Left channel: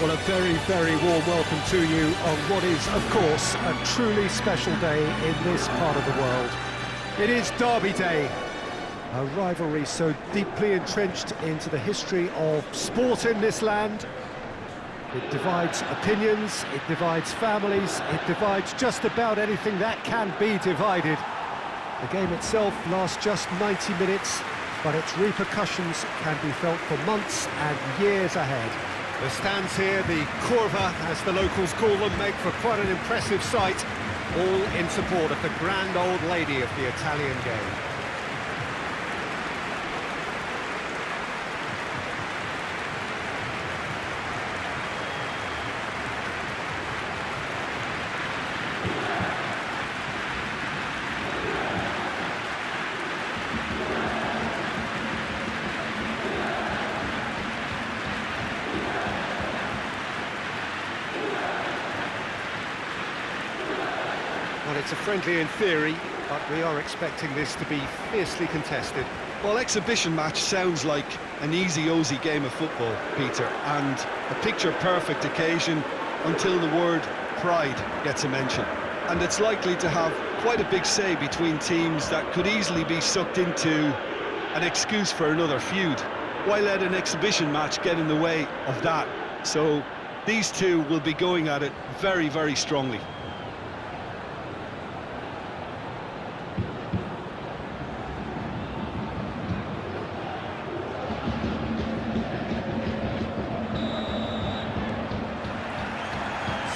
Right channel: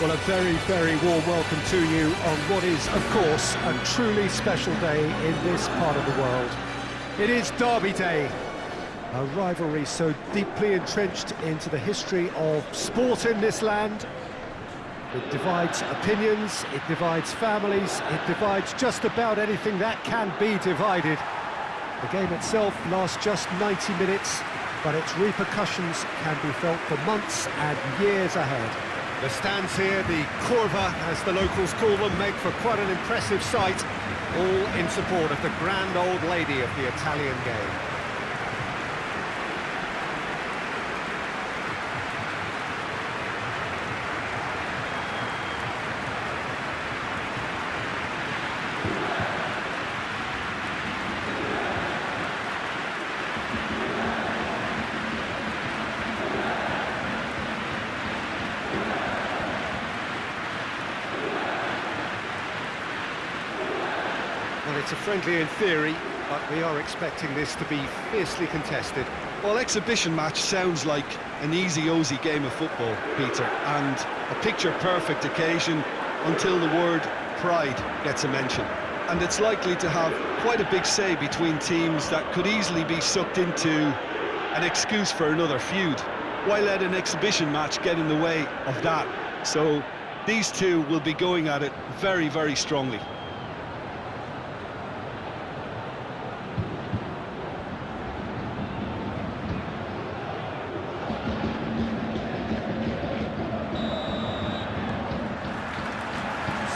Well, a very, very warm welcome to you on what is, of course, a truly special day in this part of the world. It is Derby Day, a rivalry so deeply entrenched into the history of sport in this land. It divides opinions, it divides families, it divides just about anything that can be divided. The game itself lasts just 90 minutes, but its repercussions can be felt for months and years ahead. The stands here, the curva, as the locals call them, make for quite an impressive sight, all in support of the grand old lady of the Italian game. Well, it's a friendly in theory, but we are expecting this to be fiercely contested. Well, exhibition match sounds like an easy-osy game of football, Peter, and a picture-perfect occasion until the word pride gets a mention. And it's likely to have quite a big say between teams that could easily be sucked into an excuse for another feud. Why let an exhibition match get in the way of that? So these two will be going at it very, very strongly.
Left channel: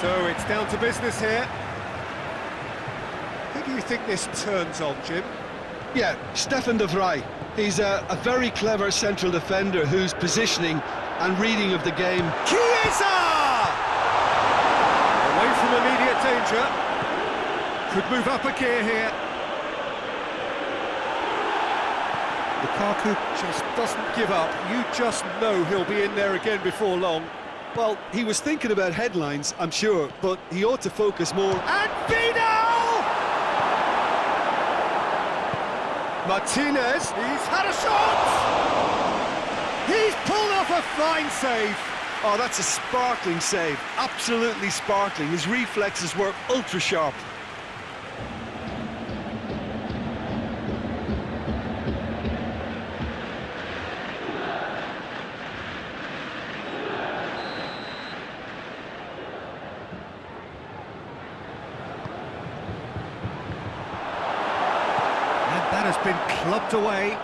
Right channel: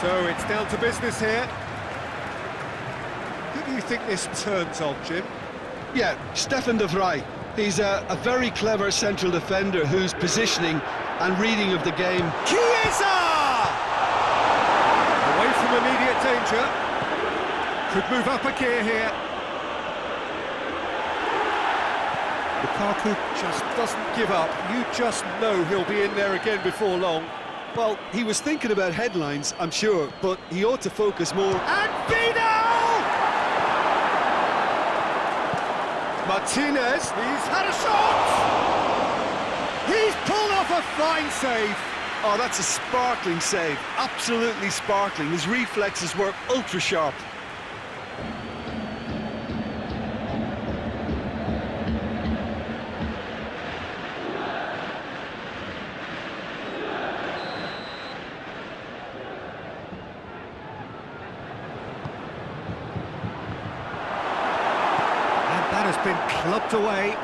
So it's down to business here. Who do you think this turns on, Jim? Yeah, Stefan de Vrij. He's a very clever central defender whose positioning and reading of the game... Chiesa! Away from immediate danger. Could move up a gear here. Lukaku just doesn't give up. You just know he'll be in there again before long. Well, he was thinking about headlines, I'm sure, but he ought to focus more. And Vidal! Martinez, he's had a shot! He's pulled off a fine save. Oh, that's a sparkling save, absolutely sparkling. His reflexes were ultra-sharp. That has been clubbed away.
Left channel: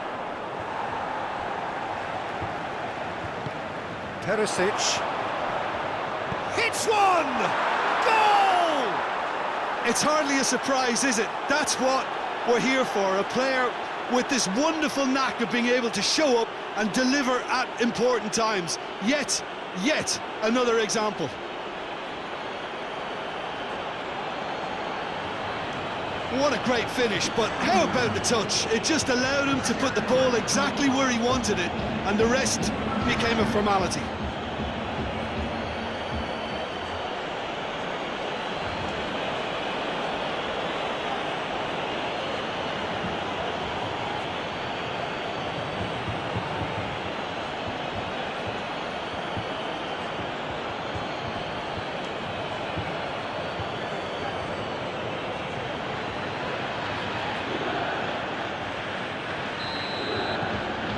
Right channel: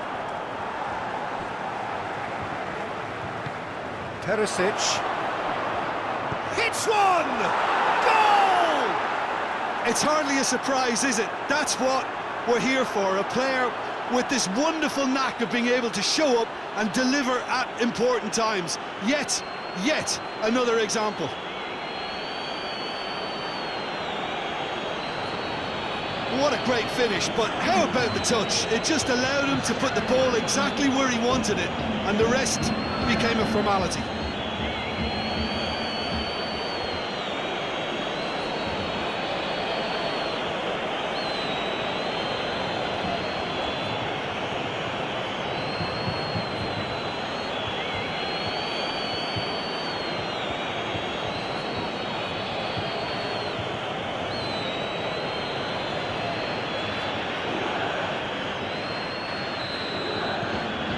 Perisic. Hits one! Goal! It's hardly a surprise, is it? That's what we're here for. A player with this wonderful knack of being able to show up and deliver at important times. Yet another example. What a great finish, but how about the touch? It just allowed him to put the ball exactly where he wanted it, and the rest became a formality.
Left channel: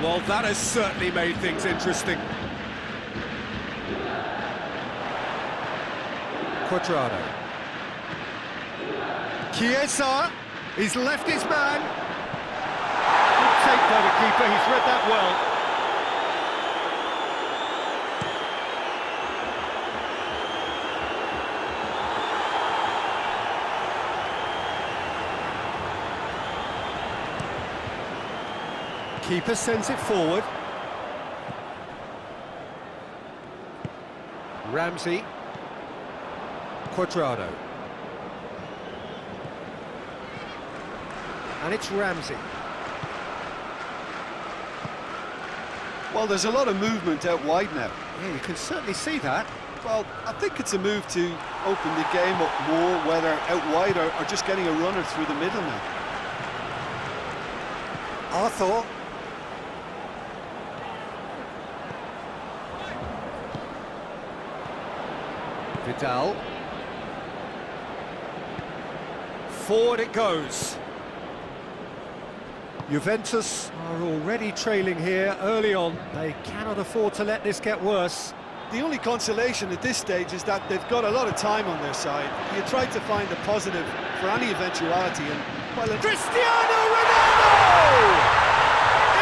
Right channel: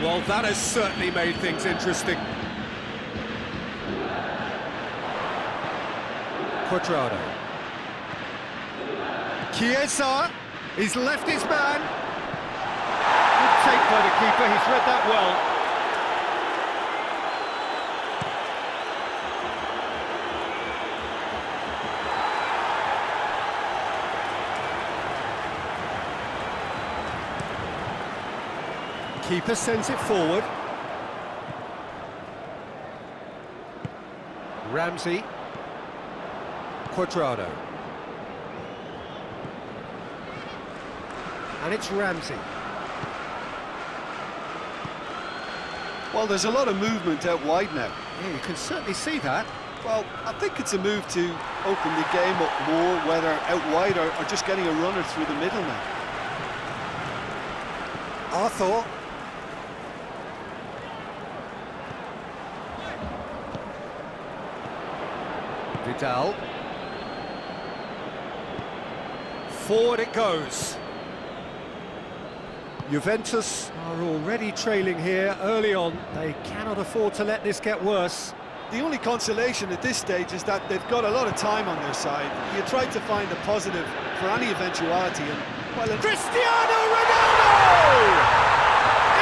Well, that has certainly made things interesting. Cuadrado. Chiesa, he's left his man. Good take by the keeper, he's read that well. Keeper sends it forward. Ramsey. Cuadrado. And it's Ramsey. Well, there's a lot of movement out wide now. Yeah, you can certainly see that. Well, I think it's a move to open the game up more, whether out wide or just getting a runner through the middle now. Arthur. Vidal. Forward it goes. Juventus are already trailing here early on. They cannot afford to let this get worse. The only consolation at this stage is that they've got a lot of time on their side. You try to find a positive for any eventuality, and while Cristiano Ronaldo!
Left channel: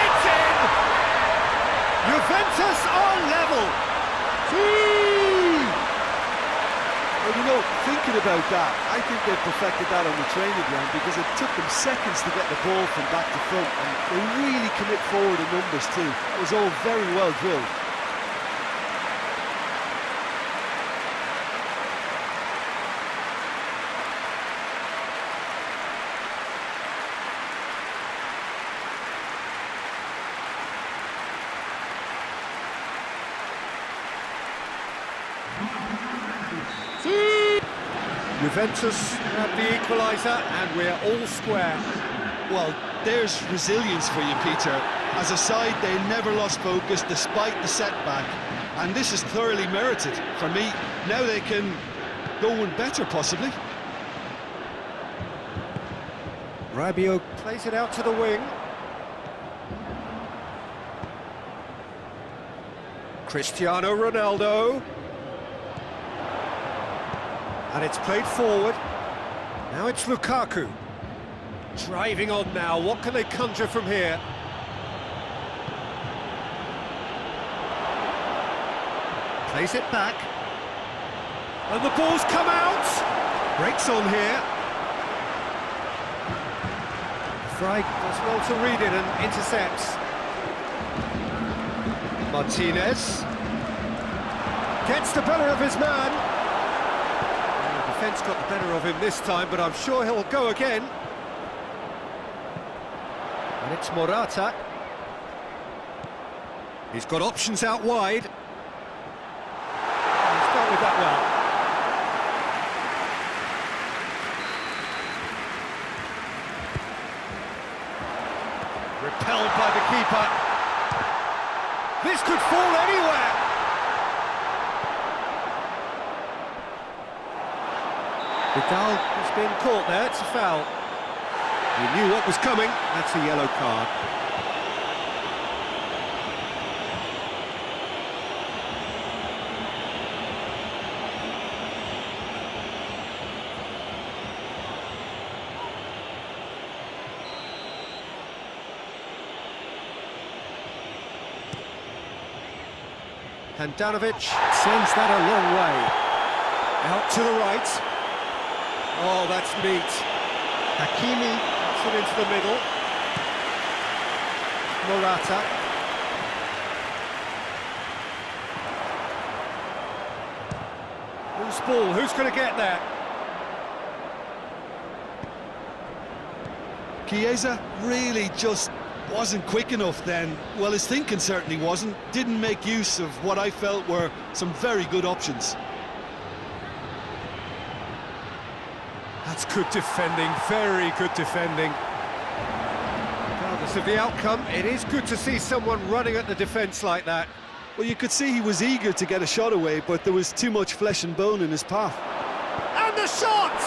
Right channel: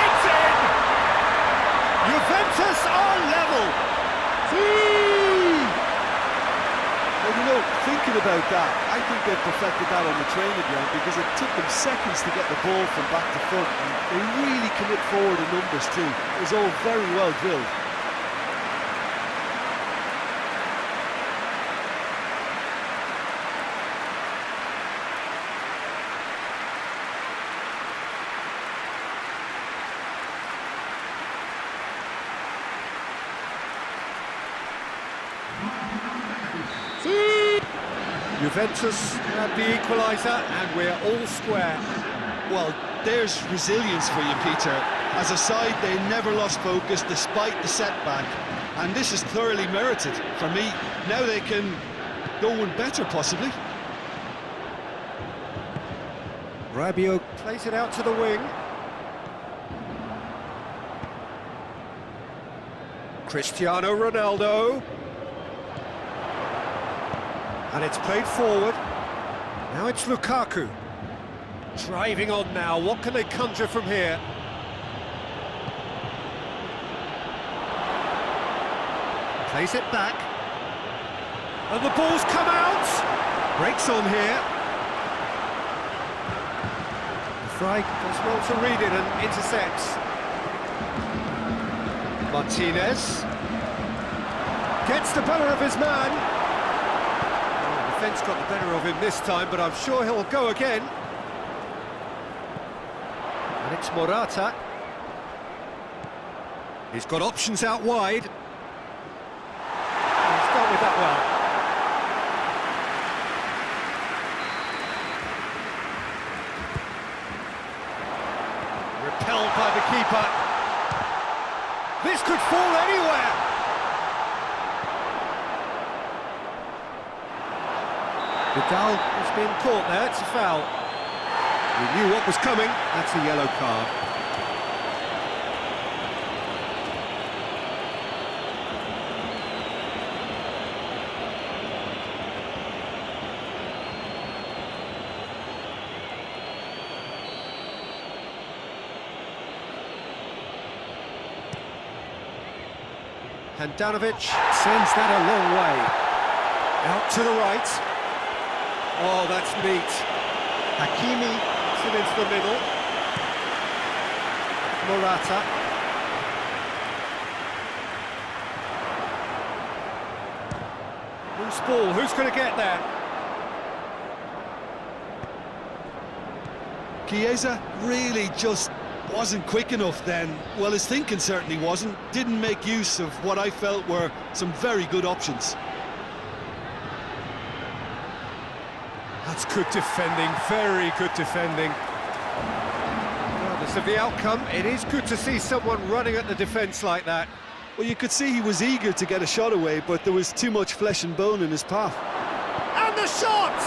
It's in! Juventus are level! Well, you know, thinking about that, I think they've perfected that on the training ground, because it took them seconds to get the ball from back to front, and they really commit forward in numbers too. It was all very well drilled. Juventus have the equaliser, and we're all square. Well, there's resilience for you, Peter. As a side, they never lost focus despite the setback, and this is thoroughly merited. For me, now they can go one better, possibly. Rabiot plays it out to the wing. Cristiano Ronaldo. And it's played forward. Now it's Lukaku. Driving on now, what can they conjure from here? Plays it back. And the ball's come out! Breaks on here. Frey does well to read it and intercepts. Martinez. Gets the better of his man. Defence got the better of him this time, but I'm sure he'll go again. And it's Morata. He's got options out wide. And he's dealt with that well. Repelled by the keeper. This could fall anywhere. Vidal has been caught there, it's a foul. He knew what was coming, that's a yellow card. Handanovic sends that a long way. Out to the right. Oh, that's neat. Hakimi puts it into the middle. Morata. Loose ball, who's going to get there? Chiesa really just wasn't quick enough then. Well, his thinking certainly wasn't. Didn't make use of what I felt were some very good options. That's good defending, very good defending. Regardless of the outcome, it is good to see someone running at the defence like that. Well, you could see he was eager to get a shot away, but there was too much flesh and bone in his path. And the shot!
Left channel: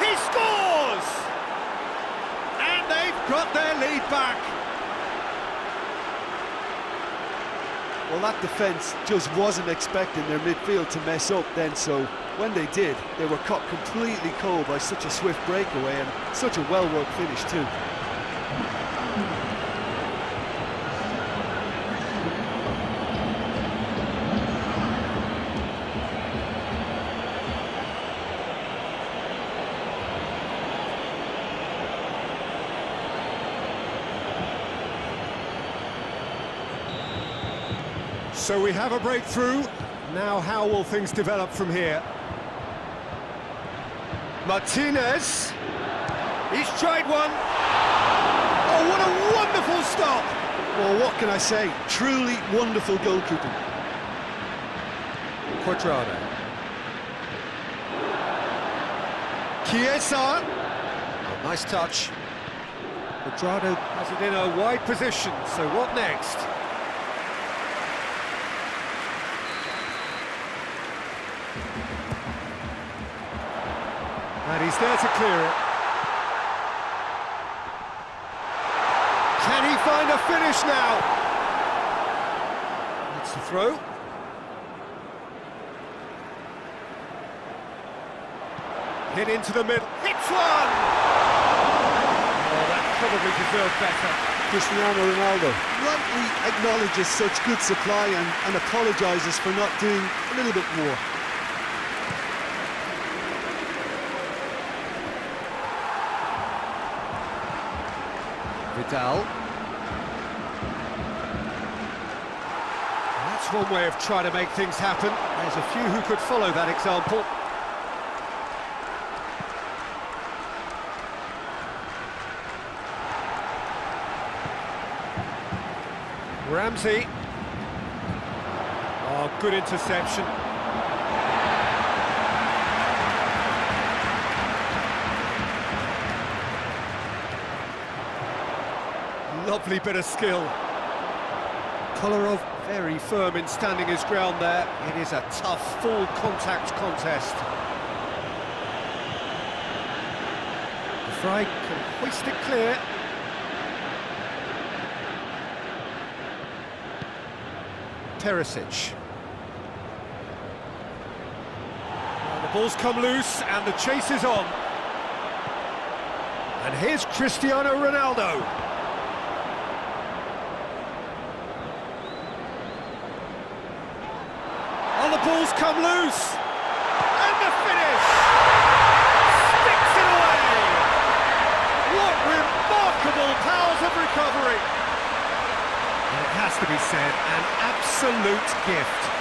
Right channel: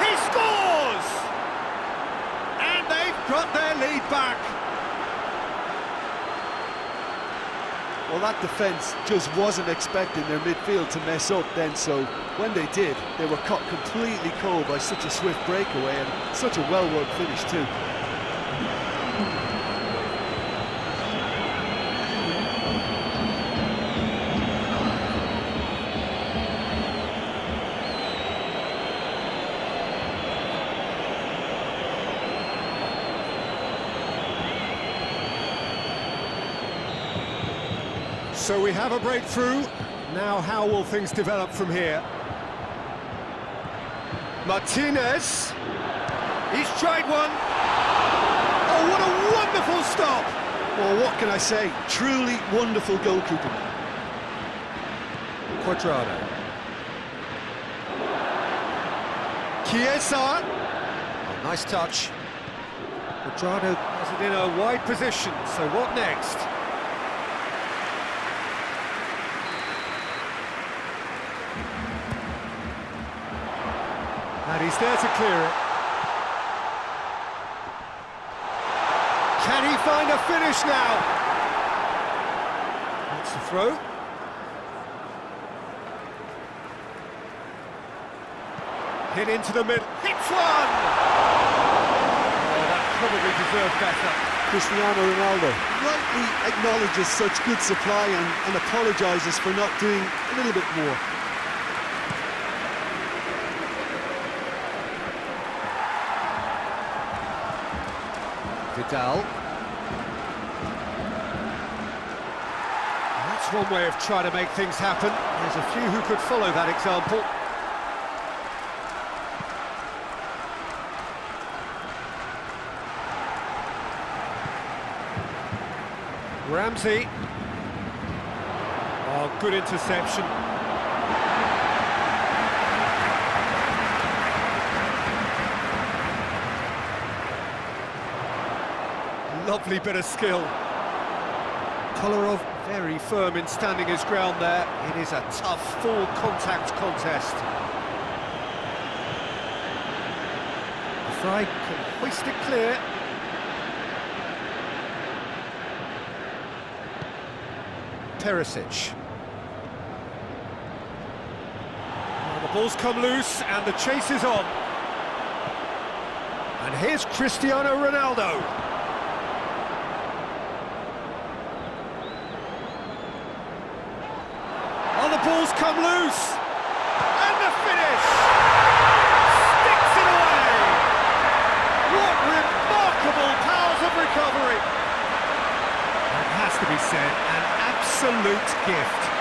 He scores! And they've got their lead back. Well, that defence just wasn't expecting their midfield to mess up then, so when they did, they were caught completely cold by such a swift breakaway and such a well-worked finish too. So we have a breakthrough. Now how will things develop from here? Martinez. He's tried one. Oh, what a wonderful stop! Well, what can I say? Truly wonderful goalkeeping. Cuadrado. Chiesa. Oh, nice touch. Cuadrado has it in a wide position, so what next? And he's there to clear it. Can he find a finish now? That's the throw. Hit into the middle. Hits one! Oh, that probably deserved better. Cristiano Ronaldo rightly acknowledges such good supply and apologises for not doing a little bit more. Vidal. That's one way of trying to make things happen. There's a few who could follow that example. Ramsey. Oh, good interception. Lovely bit of skill. Kolarov very firm in standing his ground there. It is a tough, full contact contest. The Fry can hoist it clear. Perisic. Well, the ball's come loose and the chase is on. And here's Cristiano Ronaldo. Oh, the ball's come loose. And the finish! Sticks it away! What remarkable powers of recovery! And it has to be said, an absolute gift.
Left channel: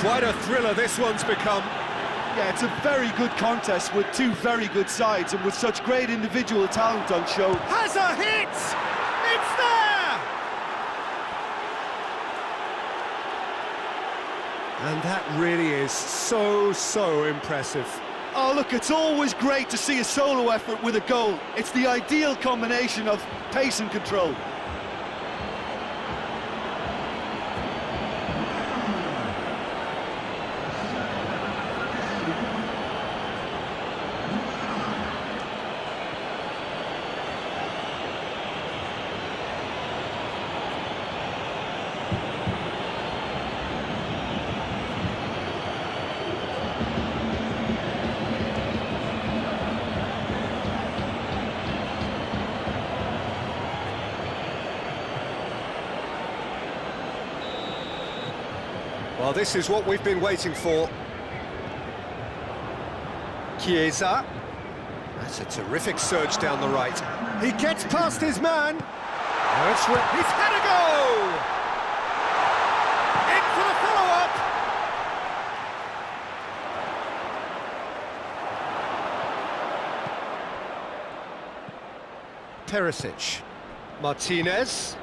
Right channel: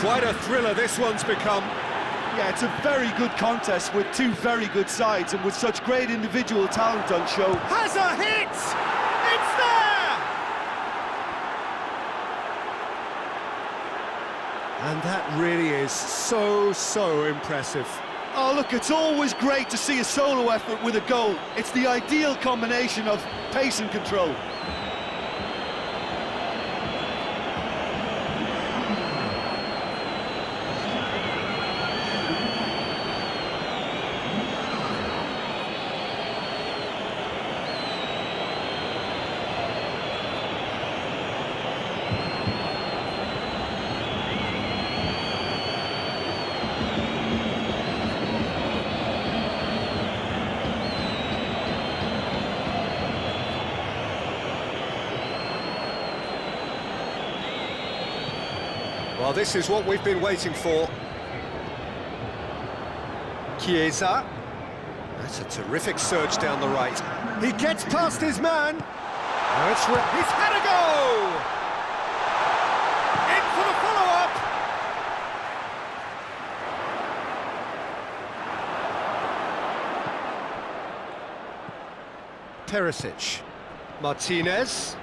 Quite a thriller this one's become. Yeah, it's a very good contest with two very good sides and with such great individual talent on show. Has a hit! It's there! And that really is so impressive. Oh, look, it's always great to see a solo effort with a goal. It's the ideal combination of pace and control. Well, this is what we've been waiting for. Chiesa. That's a terrific surge down the right. He gets past his man. Now he's had a go! In for the follow-up! Perisic. Martinez.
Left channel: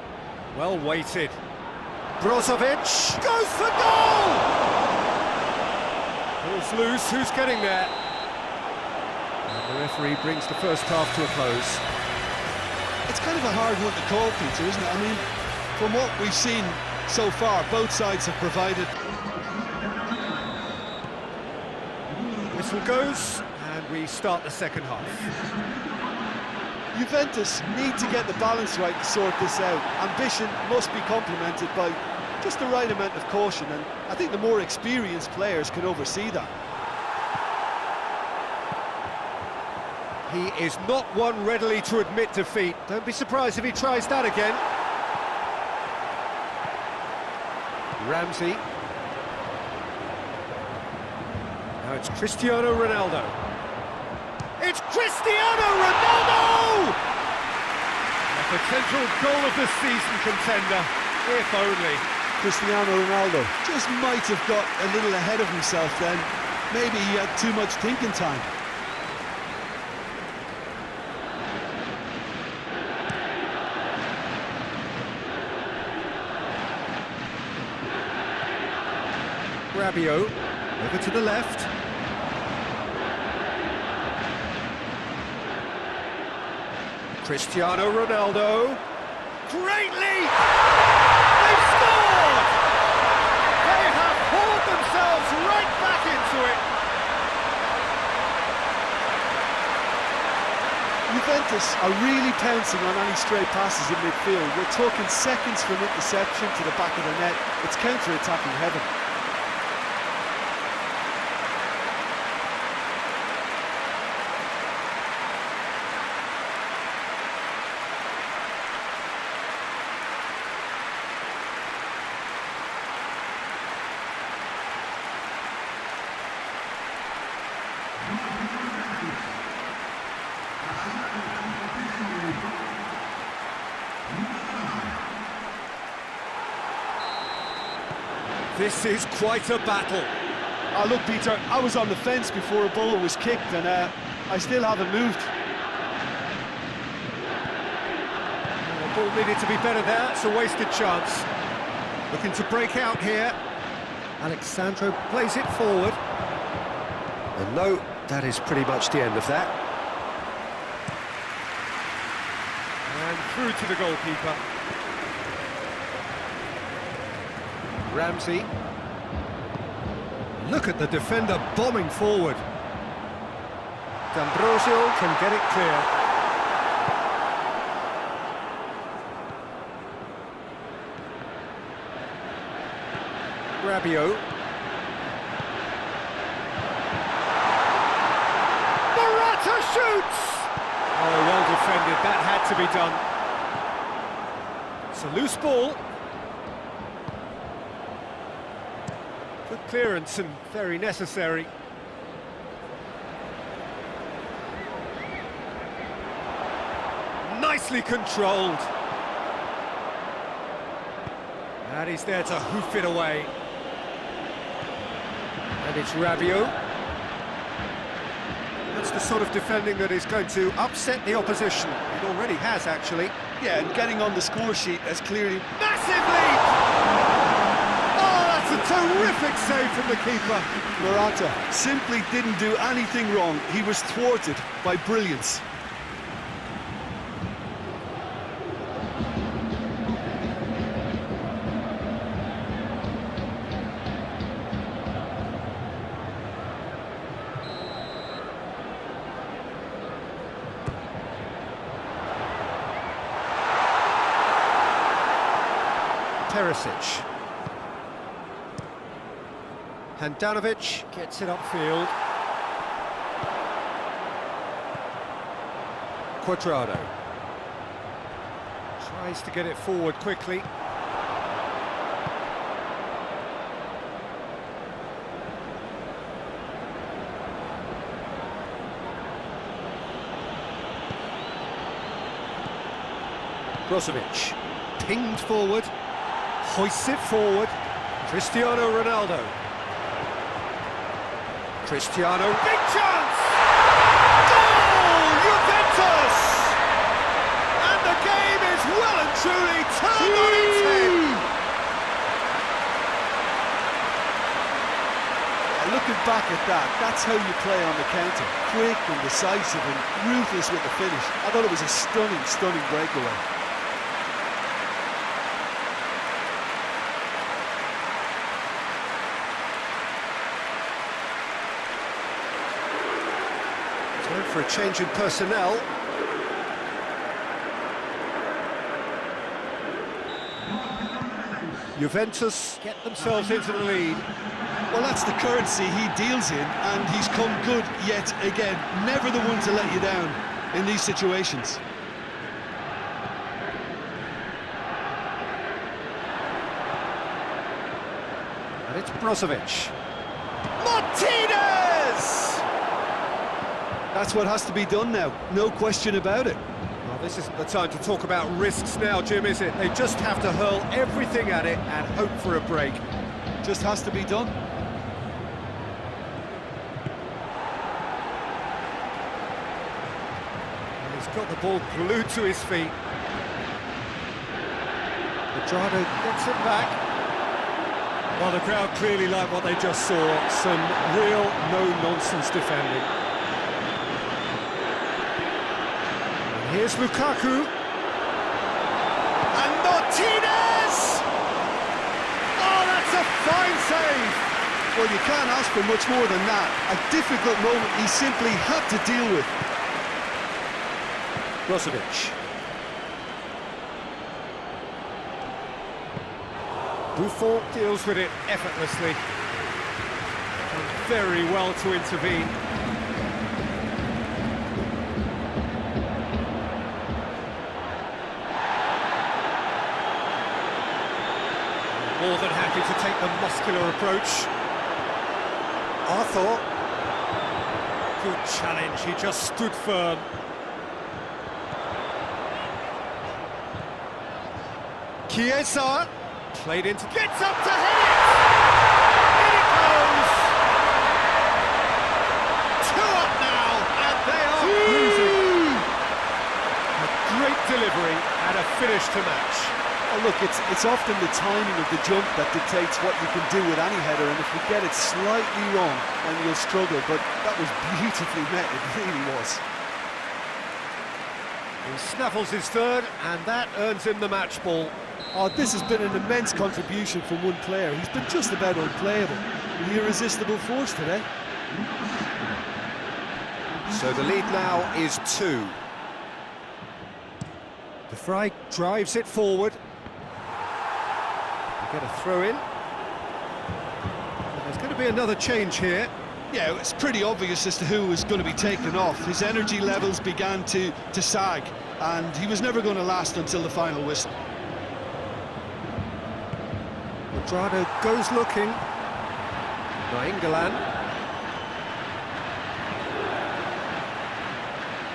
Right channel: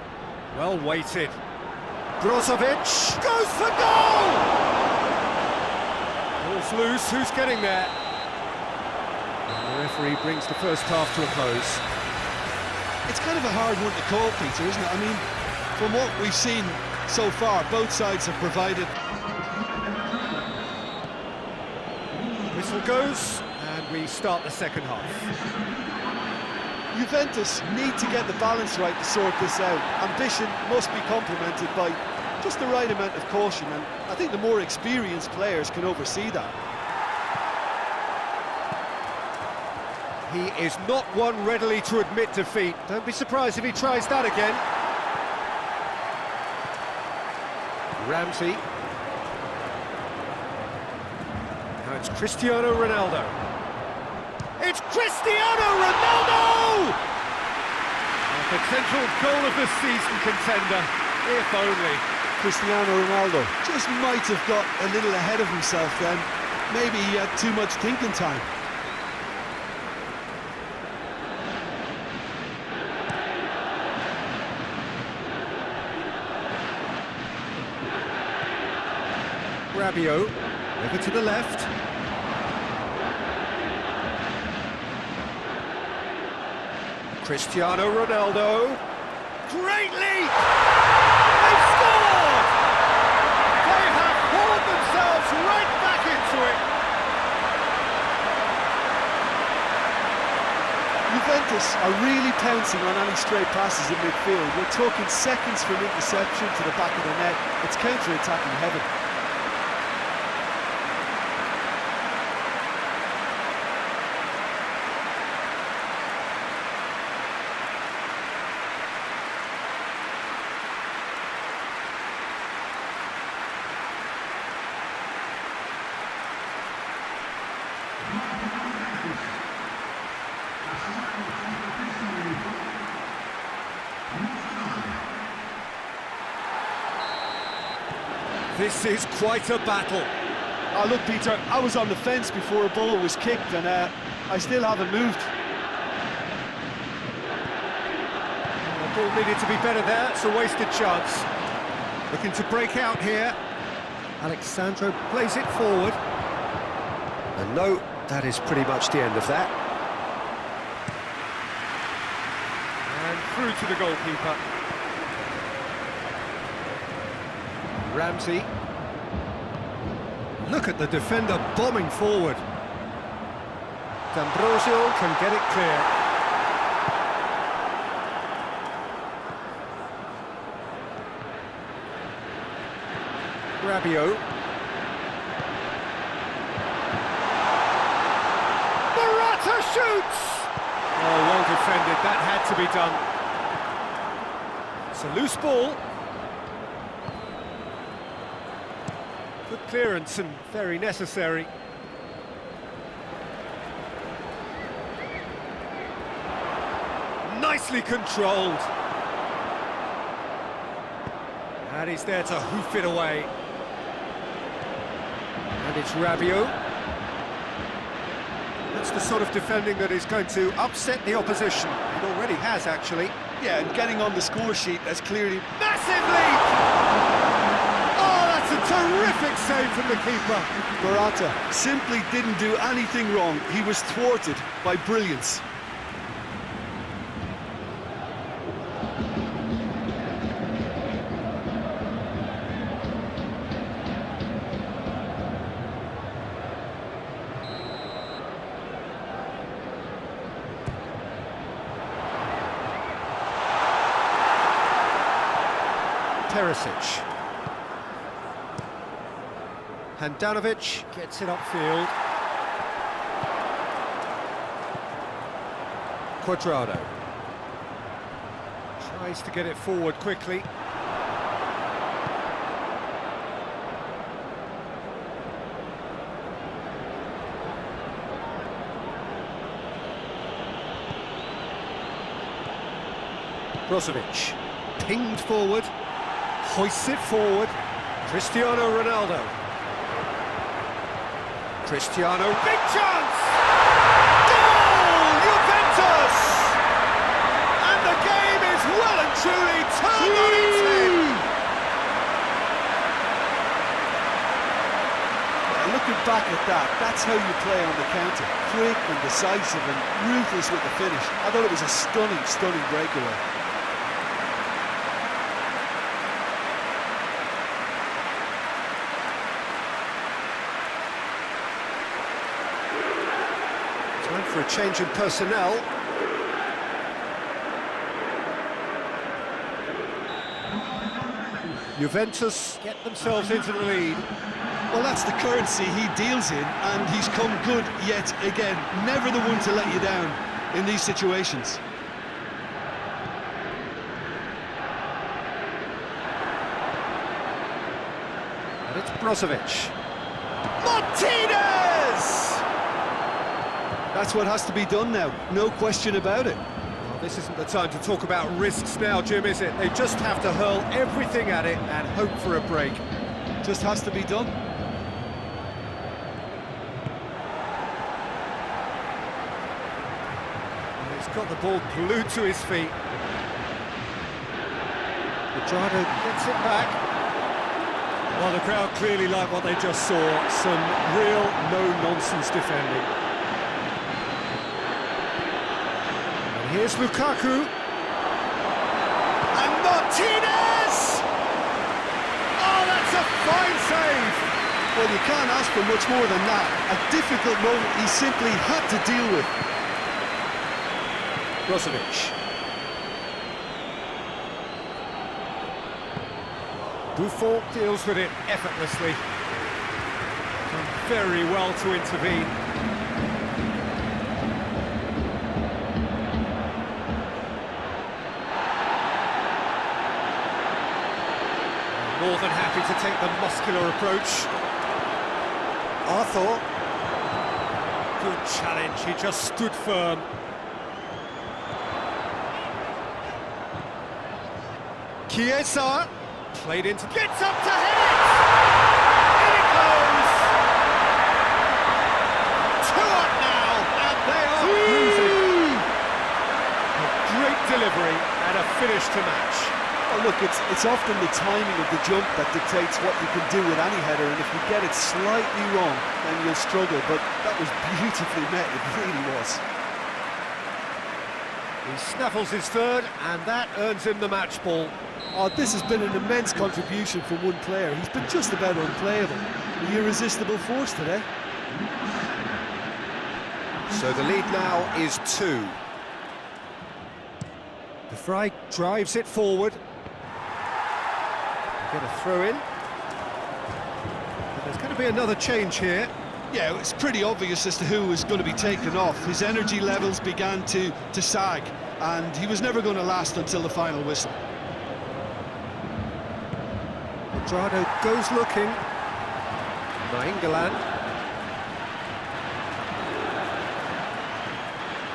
Well weighted. Brozovic goes for goal! Ball's loose, who's getting there? And the referee brings the first half to a close. It's kind of a hard one to call, Peter, isn't it? I mean, from what we've seen so far, both sides have provided. Whistle goes, and we start the second half. Juventus need to get the balance right to sort this out. Ambition must be complemented by just the right amount of caution, and I think the more experienced players can oversee that. He is not one readily to admit defeat. Don't be surprised if he tries that again. Ramsey. Now it's Cristiano Ronaldo. It's Cristiano Ronaldo! A potential goal of the season contender, if only. Cristiano Ronaldo. Just might have got a little ahead of himself then. Maybe he had too much thinking time. Rabiot, over to the left. Cristiano Ronaldo. Great leap! They've scored! They have hauled themselves right back into it. Juventus are really pouncing on any stray passes in midfield. We're talking seconds from interception to the back of the net. It's counter-attacking heaven. This is quite a battle. Oh, look, Peter, I was on the fence before a ball was kicked, and I still haven't moved. The ball needed to be better there. It's a wasted chance. Looking to break out here. Alexandro plays it forward. And no, that is pretty much the end of that. And through to the goalkeeper. Ramsey. Look at the defender bombing forward. D'Ambrosio can get it clear. Rabiot. Morata shoots! Oh, well defended, that had to be done. It's a loose ball. Good clearance and very necessary. Nicely controlled. And he's there to hoof it away. And it's Rabiot. That's the sort of defending that is going to upset the opposition. It already has, actually. Yeah, and getting on the score sheet as clearly... Massive leap! That's a terrific save from the keeper. Morata simply didn't do anything wrong. He was thwarted by brilliance. Perisic. Handanovic gets it upfield. Cuadrado tries to get it forward quickly. Brozovic pinged forward, hoists it forward. Cristiano Ronaldo. Cristiano, big chance! Goal! Juventus! And the game is well and truly turned on its head. Yeah, looking back at that, that's how you play on the counter. Quick and decisive and ruthless with the finish. I thought it was a stunning, stunning breakaway. Time for a change in personnel. Juventus get themselves into the lead. Well, that's the currency he deals in, and he's come good yet again. Never the one to let you down in these situations. And it's Brozovic. Martinez! That's what has to be done now, no question about it. Well, this isn't the time to talk about risks now, Jim, is it? They just have to hurl everything at it and hope for a break. Just has to be done. And he's got the ball glued to his feet. Quadrado gets it back. Well, the crowd clearly like what they just saw. Some real no-nonsense defending. And here's Lukaku. And Martinez! Oh, that's a fine save! Well, you can't ask for much more than that. A difficult moment he simply had to deal with. Brozovic. Buffon deals with it effortlessly. Done very well to intervene. More than happy to take the muscular approach. Arthur. Good challenge, he just stood firm. Chiesa. Played into... Gets up to hit it! In it goes! 2 up now, and they are losing. A great delivery and a finish to match. Well, look, it's often the timing of the jump that dictates what you can do with any header, and if you get it slightly wrong, then you'll struggle, but that was beautifully met, it really was. He snaffles his third, and that earns him the match ball. Oh, this has been an immense contribution from one player. He's been just about unplayable. The irresistible force today. So the lead now is 2. De Vrij drives it forward. They get a throw in. But there's going to be another change here. Yeah, it's pretty obvious as to who was going to be taken off. His energy levels began to sag, and he was never going to last until the final whistle. Quadrado goes looking. Nainggolan.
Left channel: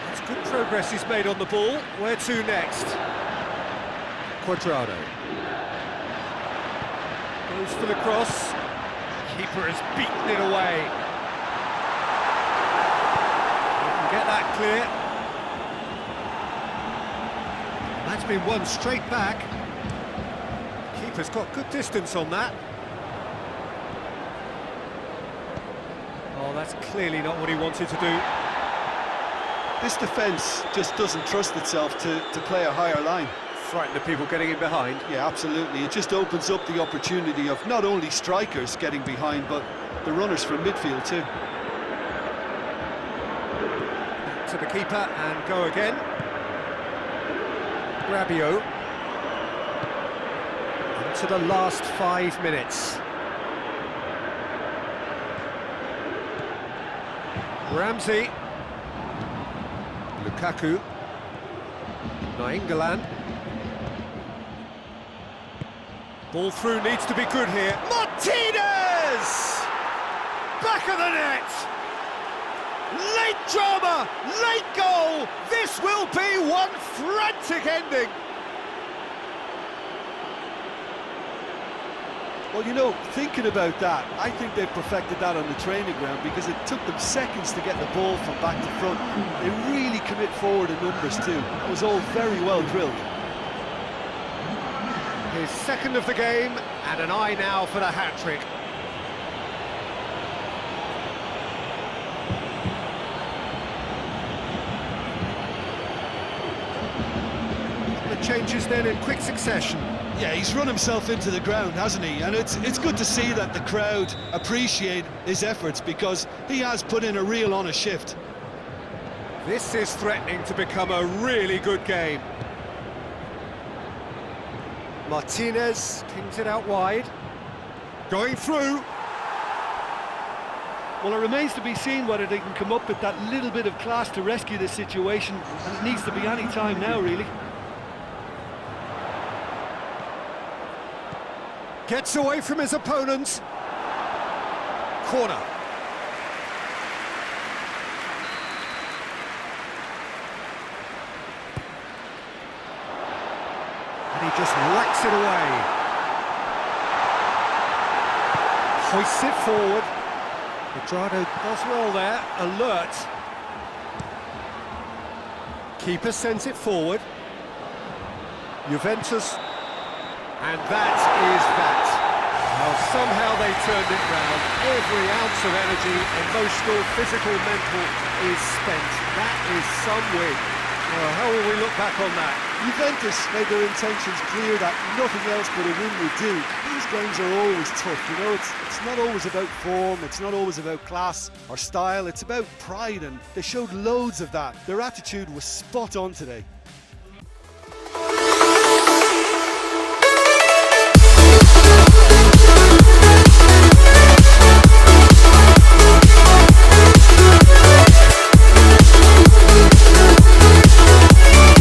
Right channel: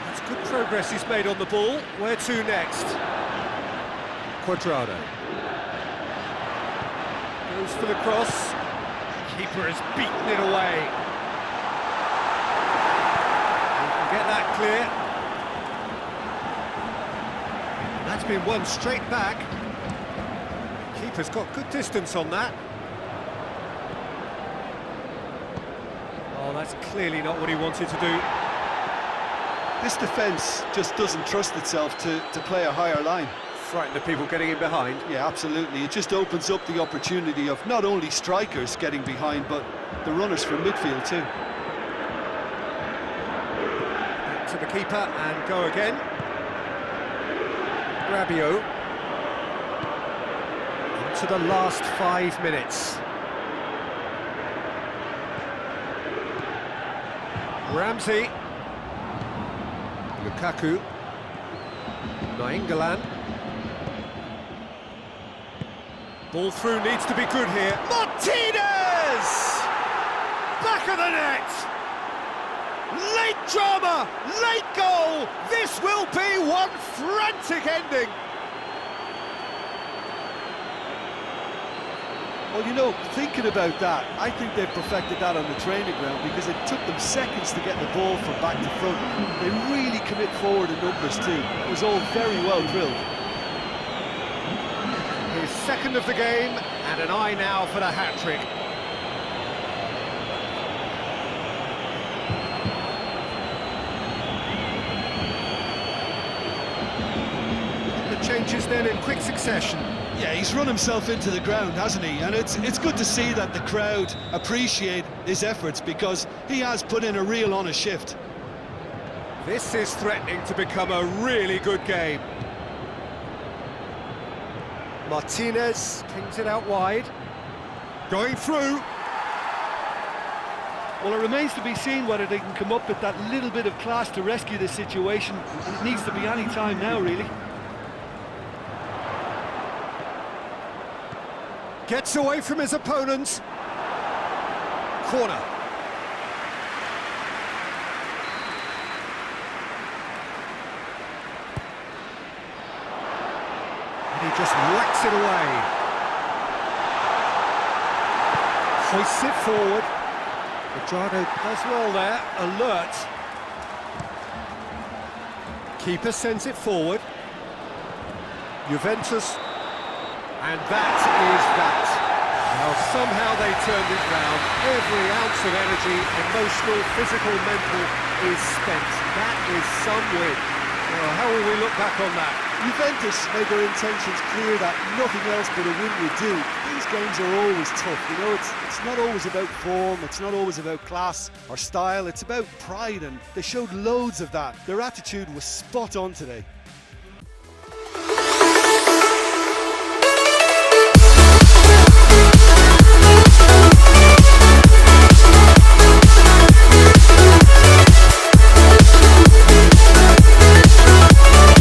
That's good progress he's made on the ball. Where to next? Quadrado. Goes for the cross. Keeper has beaten it away. He can get that clear. And that's been won straight back. Keeper's got good distance on that. Oh, that's clearly not what he wanted to do. This defence just doesn't trust itself to play a higher line. Frightened of people getting in behind. Yeah, absolutely. It just opens up the opportunity of not only strikers getting behind, but the runners from midfield too. Back to the keeper and go again. Rabiot. To the last 5 minutes. Ramsey. Lukaku. Nainggolan. Ball through needs to be good here. Martinez! Back of the net! Late drama, late goal! This will be one frantic ending! Well, you know, thinking about that, I think they've perfected that on the training ground because it took them seconds to get the ball from back to front. They really commit forward in numbers too. That was all very well drilled. His second of the game, and an eye now for the hat-trick. Couple of changes then in quick succession. Yeah, he's run himself into the ground, hasn't he? And it's good to see that the crowd appreciate his efforts because he has put in a real honest shift. This is threatening to become a really good game. Martinez pings it out wide. Going through. Well, it remains to be seen whether they can come up with that little bit of class to rescue this situation, and it needs to be any time now, really. Gets away from his opponents. Corner. And he just whacks it away. Hoists it forward. Quadrado does well there, alert. Keeper sends it forward. Juventus, and that is that. Well, somehow they turned it round. Every ounce of energy, emotional, physical, mental, is spent. That is some win. Well, how will we look back on that? Juventus made their intentions clear that nothing else but a win would do. These games are always tough, you know, it's not always about form, it's not always about class or style, it's about pride, and they showed loads of that. Their attitude was spot on today.